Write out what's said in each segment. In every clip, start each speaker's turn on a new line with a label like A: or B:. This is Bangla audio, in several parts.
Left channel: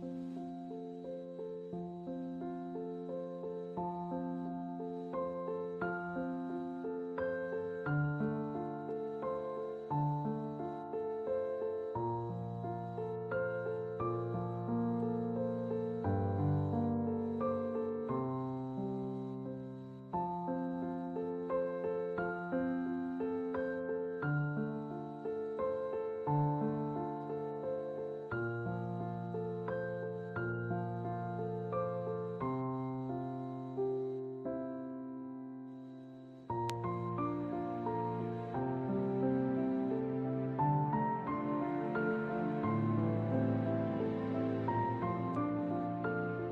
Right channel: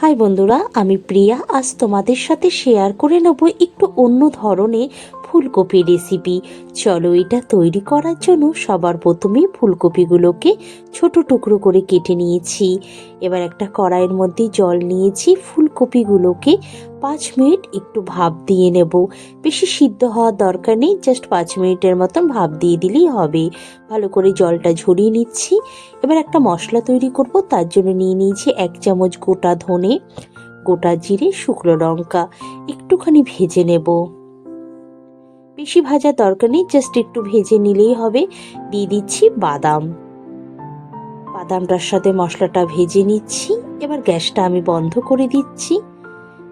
A: হাই বন্ধুরা আমি প্রিয়া। আজ তোমাদের সাথে শেয়ার করে নেব একটু অন্য ধরনের ফুলকপি রেসিপি চলো এটা তৈরি করার জন্য সবার প্রথমে ফুলকপিগুলোকে ছোট টুকরো করে কেটে নিয়েছি। এবার একটা কড়াইয়ের মধ্যে জল নিয়েছি। ফুলকপিগুলোকে পাঁচ মিনিট একটু ভাপ দিয়ে নেব। বেশি সিদ্ধ হওয়ার দরকার নেই জাস্ট পাঁচ মিনিটের মতন ভাপ দিয়ে দিলেই হবে। ভালো করে জলটা ঝরিয়ে নিচ্ছি। এবার একটা মশলা তৈরি করব, তার জন্য নিয়ে নিয়েছি এক চামচ গোটা ধনে, গোটা জিরে, শুকনো লঙ্কা। একটুখানি ভেজে নেব। বেশি ভাজা দরকার নেই জাস্ট একটু ভেজে নিলেই হবে। দিয়ে দিচ্ছি বাদাম। বাদামটার সাথে মশলাটা ভেজে নিচ্ছি। এবার গ্যাসটা আমি বন্ধ করে দিচ্ছি।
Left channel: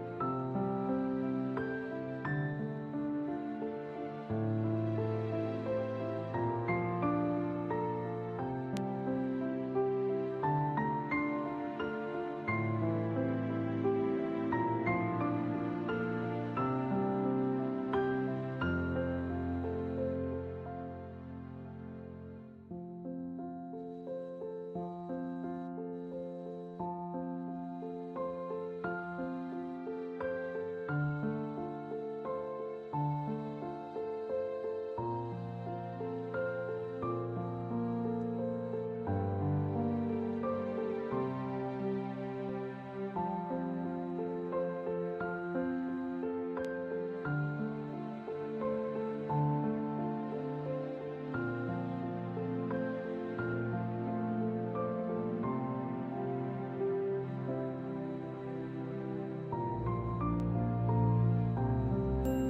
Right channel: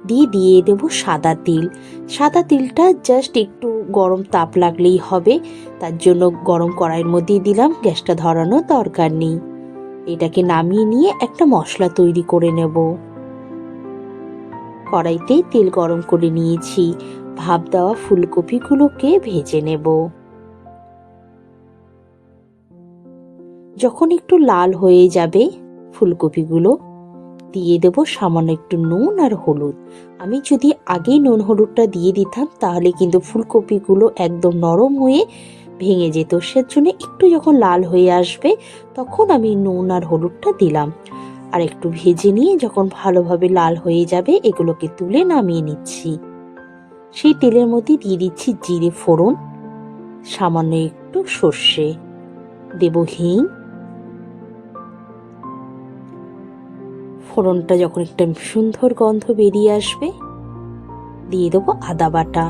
A: দিয়ে দিয়ে দেব সাদা তিল। সাদা তিলটা জাস্ট একটু গরম তাপ লাগলেই হবে। তার জন্য গরম কড়াইয়ের মধ্যেই দিলাম, গ্যাসটা ধরানোর দরকার নেই। এটাকে নামিয়ে নিয়ে একটা মশলা তৈরি করে নেব। কড়াইতেই তেল গরম করে নিয়েছি। ভাপ দেওয়া ফুলকপিগুলোকে ভেজে নেব। যখন একটু লাল হয়ে যাবে ফুলকপিগুলো, দিয়ে দেব সামান্য একটু নুন আর হলুদ। আমি যদি আগেই নুন হলুদটা দিয়ে দিতাম, তাহলে কিন্তু ফুলকপিগুলো একদম নরম হয়ে ভেঙে যেত। সেজন্য একটু যখন লাল হয়ে আসবে, তখন আমি নুন আর হলুদটা দিলাম। আর একটু ভেজে নিয়ে যখন ভালোভাবে লাল হয়ে যাবে, এগুলোকে তুলে নামিয়ে নিচ্ছি। সেই তেলের মধ্যে দিয়ে দিচ্ছি জিরে ফোড়ন, সামান্য একটু সর্ষে, দেব হিং ফোড়নটা যখন একটা সুন্দর গন্ধ বেরিয়ে আসবে, দিয়ে দেবো আদা বাটা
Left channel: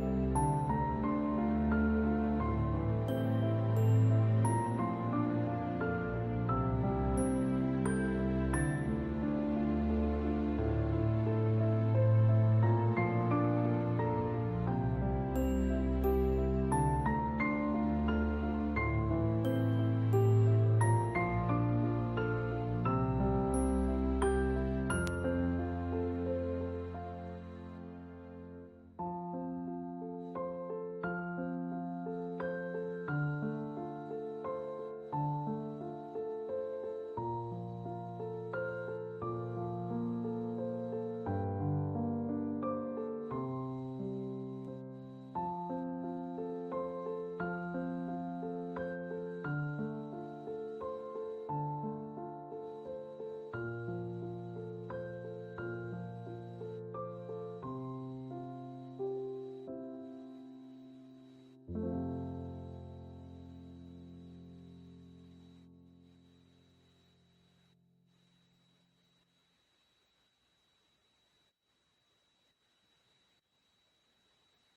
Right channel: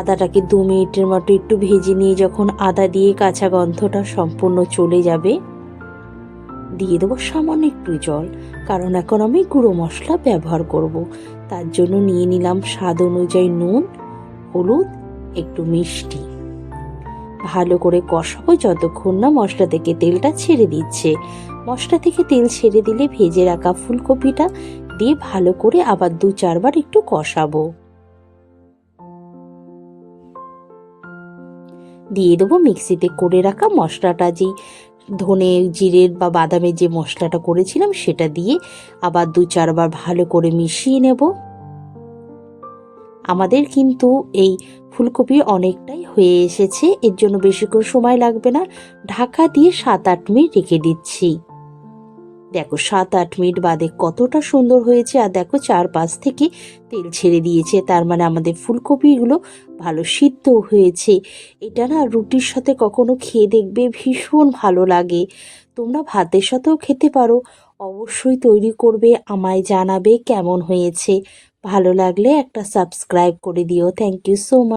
A: আদাটাকে দু মিনিটের মতো একটু ভেজে নিয়ে যখন আদা দিয়ে কাঁচা গন্ধটা সম্পূর্ণ চলে যাবে, দিয়ে দেবো সামান্য একটু জল, কারণ এখন আমি গুঁড়ো মশলা ব্যবহার করব। তার জন্য নিয়ে নিলাম স্বাদ অনুযায়ী নুন, হলুদ, একটু মিষ্টি। ভালো করে কষাবো যতক্ষণ না মশলা থেকে তেলটা ছেড়ে দিচ্ছে। মশলা থেকে তেল ছেড়ে দিলে ভেজে রাখা ফুলকপিটা দিয়ে ভালো করে আবার দু চারবার একটু কষাবো। দিয়ে দেবো মিক্সিতে করে রাখা মশলাটা, যেই ধনে জিরের বা বাদামের যে মশলাটা করেছিলাম সেটা দিয়ে আবার দু চারবার ভালো করে মিশিয়ে নেব। আমাদের কিন্তু এই ফুলকপি অনেকটাই হয়ে এসেছে, এর জন্য বেশি করে সময় লাগবে না। ঢাকা দিয়ে সাত আট মিনিট রেখে দিচ্ছি। দেখো, সাত আট মিনিট বাদে কতটা সুন্দর হয়েছে আর দেখো, চারপাশ থেকে তেল ছেড়ে দিয়েছে। তার মানে আমাদের ফুলকপিগুলো ভালো সিদ্ধ হয়েছে। এটা না রুটির সাথে কখনো খেয়ে দেখবে ভীষণ ভালো লাগে। তোমরা ভাতের সাথেও খেতে পারো। অবশ্যই তৈরি করবে, আমায় জানাবে কেমন হয়েছে। ভালো লাগলে একটা সাবস্ক্রাইব করে দিও। Thank you so much